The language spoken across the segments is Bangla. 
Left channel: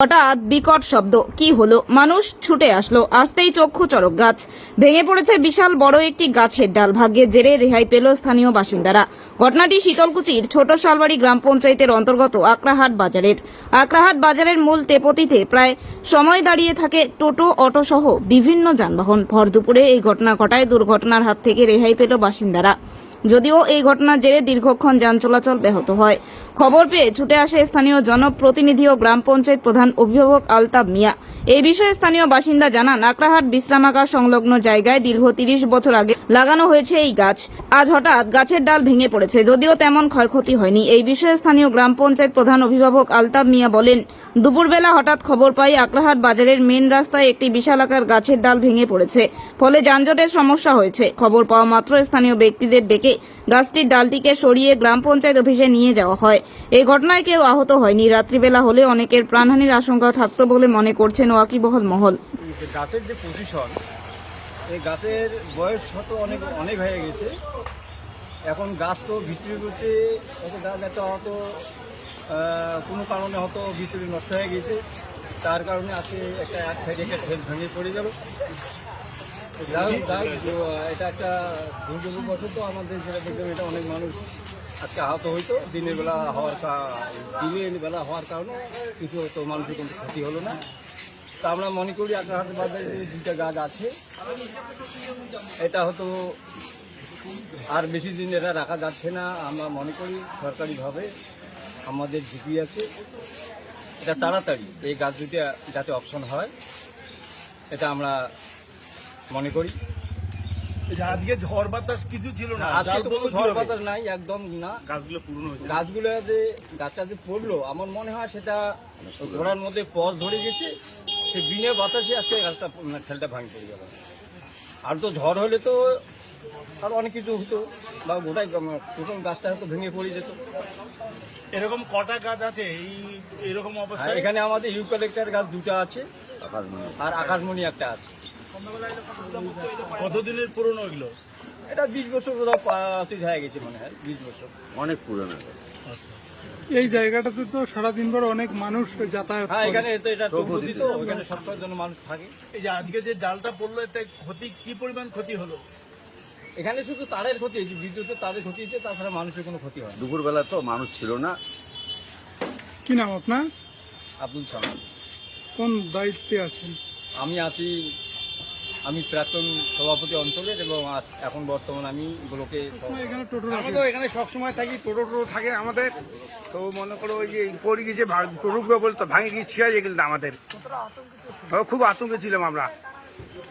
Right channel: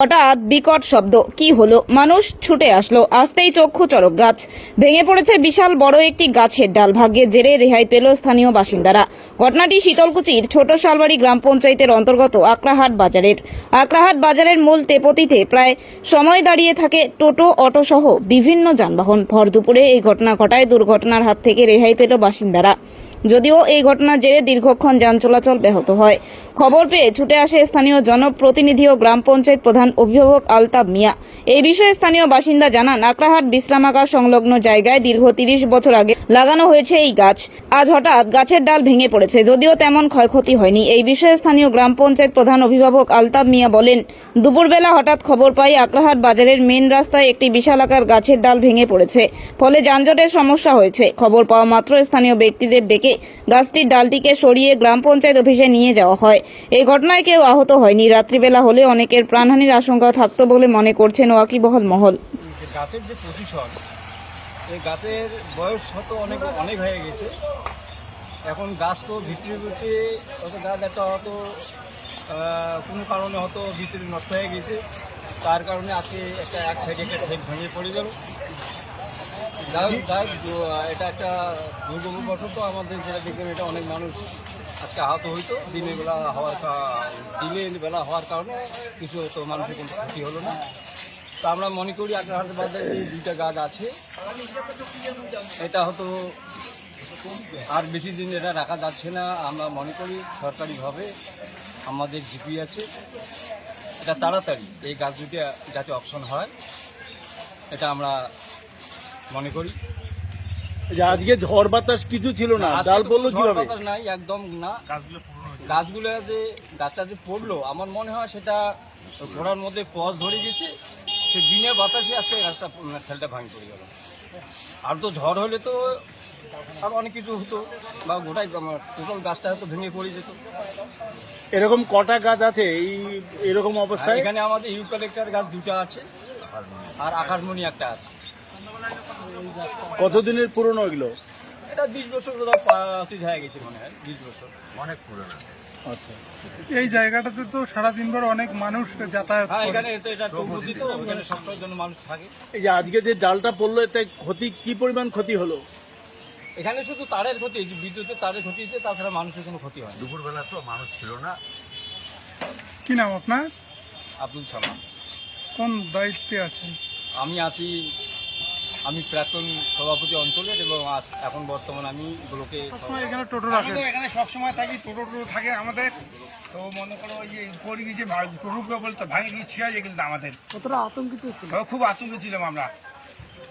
হঠাৎ বিকট শব্দ কি হলো মানুষ ছুটে আসলো আসতেই চক্ষু চরক গাছ ভেঙে পড়েছে বিশাল বড় একটি গাছের ডাল ভাগ্যে জেরে রেহাই পেল স্থানীয় বাসিন্দারা ঘটনাটি শীতলকুচির ছোট শালবাড়ি গ্রাম পঞ্চায়েতের অন্তর্গত আক্রাহাট বাজারের আক্রাহাট বাজারের মূল তেপতিতে প্রায় সময় দাঁড়িয়ে থাকে টোটো অটো সহ বিভিন্ন যানবাহন ভর দুপুরে এই ঘটনা ঘটায় দুর্ঘটনার হাত থেকে রেহাই পেল বাসিন্দারা যদিও এই ঘটনার জেরে দীর্ঘক্ষণ যান চলাচল ব্যাহত হয় খবর পেয়ে ছুটে আসে স্থানীয় জনপ্রতিনিধি ও গ্রাম পঞ্চায়েত প্রধান অভিভাবক আলতাব মিয়া এই বিষয়ে স্থানীয় বাসিন্দা জানান আক্রাহাট বিশ্রামাগার সংলগ্ন জায়গায় দীর্ঘ তিরিশ বছর আগে লাগানো হয়েছে এই গাছ আজ হঠাৎ গাছের ডাল ভেঙে পড়েছে যদিও তেমন ক্ষয়ক্ষতি হয়নি এই বিষয়ে স্থানীয় গ্রাম পঞ্চায়েত প্রধান অভিভাবক আলতাব মিয়া বলেন দুপুরবেলা হঠাৎ খবর পাই আগ্রহাট বাজারের মেন রাস্তায় একটি বিশাল আকার গাছের ডাল ভেঙে পড়েছে ফলে যানজটের সমস্যা হয়েছে খবর পাওয়া মাত্র স্থানীয় ব্যক্তিদের ডেকে গাছটির ডালটিকে সরিয়ে গ্রাম পঞ্চায়েত অফিসে নিয়ে যাওয়া হয় এই ঘটনায় কেউ আহত হয়নি রাত্রিবেলা হলে অনেকের প্রাণহানির আশঙ্কা থাকত বলে মনে করছেন ওয়াকিবহল মহল গাছের যে এই গাছের বয়স শত অনেক অনেক হয়ে গেছে এখন গাছ তো ভিতরে ভিতরে গাছ একটা কোনো কারণে হয়তো বিদ্যুৎ নষ্ট হয়ে গেছে তার কারণে আজকে একটা এক সাইডে একটা সেল ভেঙে পড়ে গেল যাই এটা একটা দুর্গম বছর তো আমাদের যেটা দেখবেন এটা অনেক মানুষ আজকে আহত হইতো দিনের বেলা হওয়ার দিনের বেলা হওয়ার কারণে কিছু তো মানুষের কোনো ক্ষতি হলো না তো আমরা মনে করি আক্রান্ত বাজারে যে দুইটা গাছ আছে এটা হয়তো আর বেশি দিন এটা রাখা যাচ্ছে না আমরা মনে করি সরকারিভাবে আমাদের ঝিপি আছে এটা তাড়াতাড়ি এই গাছ দুটি যাতে অপশন হয় এটা আমরা মনে করি আজকে ঝড় বাতাস কিছু ছিল না ঝড় বাতাস নাই একদম না গাছগুলো গাছগুলো গাছটা যে পড়লো আমার মনে হয় সেটা ঘোড়ার মধ্যে পজ ধরে গেছে সে বিনে বাতাসে আজকে গাছটা ঠেলটা ভাঙি পড়ে গেল আর তো ঝড় হলে তো আর অনেক কিছু হতো বা গোটাই টোটাল গাছটা হয়তো ভেঙে পড়ে যেত এরকম কটা গাছ আছে এই এরকম অবস্থা এখানে আমাদের ইউকালেক্টার গাছ দুটা আছে আর আকাশমণি একটা আছে কতদিনের পুরনো এগুলো এটা বিশ বছর কোথাও হয়ে গেছে মনে হয় বিশ বছর অনেক পুরনো এই জায়গাটাতে তো সারাদিন ভর অনেক মানুষ যাতায়াত হ্যাঁ এখানে তো এটা ওখানে মানুষ থাকে এই যে আজকে যে ডালটা পড়লো এতে ক্ষতি কি পরিমাণ ক্ষতি হলো এখানে শুধু তারের ক্ষতি হয়েছে বিদ্যুতের তারের ক্ষতি হয়েছে তাছাড়া মানুষের কোনো ক্ষতি হয় দুপুরবেলা তো মানুষ ছিল না কি নাম আপনার আব্দুল সালাম কোন দায়িত্বে আছেন আমি আছি আমি প্রাক্তন সভাপতি অঞ্চলের এবং এখন বর্তমান আমি ব্লকে এখানে টোটো রাখি তো এখানে সবসময় থাকি টোটো টোটো থাকে আমাদের তো মনে করো ওই যে পড়ে গিয়েছে টোটোগুলো বলতো ভাঙে গিয়ে ছিয়া গেছিল আমাদের খুব আতঙ্কে ছিলাম আমরা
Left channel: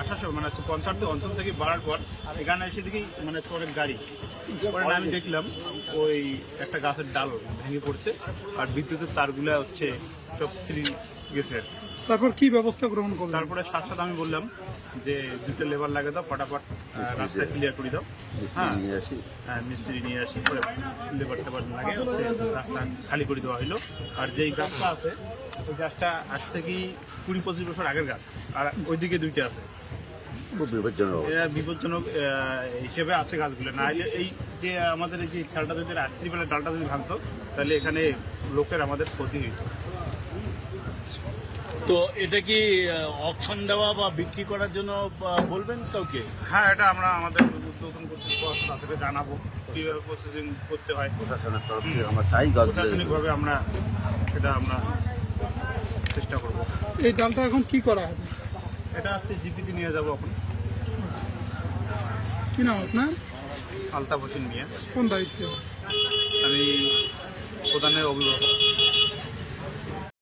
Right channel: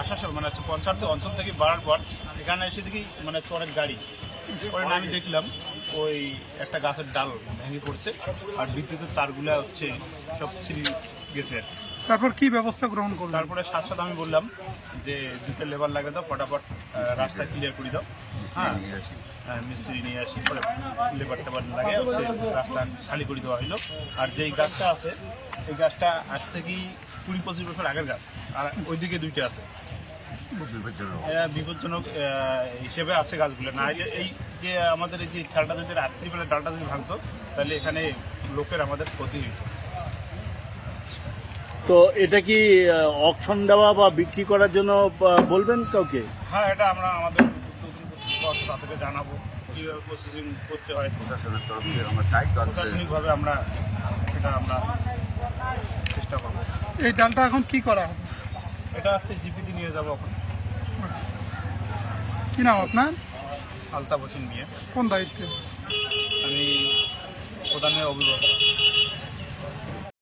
আসার সব মানে পঞ্চায়েত অঞ্চল থেকে বাড়ার পর এখানে এসে দেখি মানে অনেক গাড়ি পরে আমি দেখলাম ওই একটা গাছের ডাল ভেঙে পড়ছে আর বিদ্যুতের তারগুলো হচ্ছে সব সিঁড়ি গেছে তারপর কি ব্যবস্থা গ্রহণ করবো তারপরে সাথে সাথে আমি বললাম যে দুটো লেবার লাগে দাও ফটাফট রাস্তা ক্লিয়ার করে দাও হ্যাঁ হ্যাঁ মিস্ত্রি নিয়ে আসি পরে লেবার টেবার লাগে হচ্ছে রাস্তা খালি করে দেওয়া হইলো আর যেই গাছটা আছে এই গাছটা আজ থেকেই কুড়ি পঁচিশ বছর আগের গাছ আর ওইদিকে দুইটা আছে বিপজ্জনক হিসেবে আছে গাছগুলো না এই যে আমাদের এই যে ডালটা যদি রাত্রিবেলা ডালটা যদি ভাঙত তাহলে এখানে লোকের আমাদের ক্ষতি হইত তো এটা কি অকশন দেওয়া বা বিক্রি করার জন্য বলবেন কাউকে হ্যাঁ এটা আমরা আমাদের উদ্বোধন কর্তৃপক্ষ জানাবো কীভাবে প্রসেসিং করতে হয় প্রশাসনিকভাবে আমরা সেটা আমরা চেষ্টা করবো এই ডালটা এখন কি করা হবে এটা আজকে জিপিতে নিয়ে যাব আপনি কি নাম আপনার আলতা হোসেন মিয়া কোন দায়িত্বে আমি প্রধানের অভিভাবক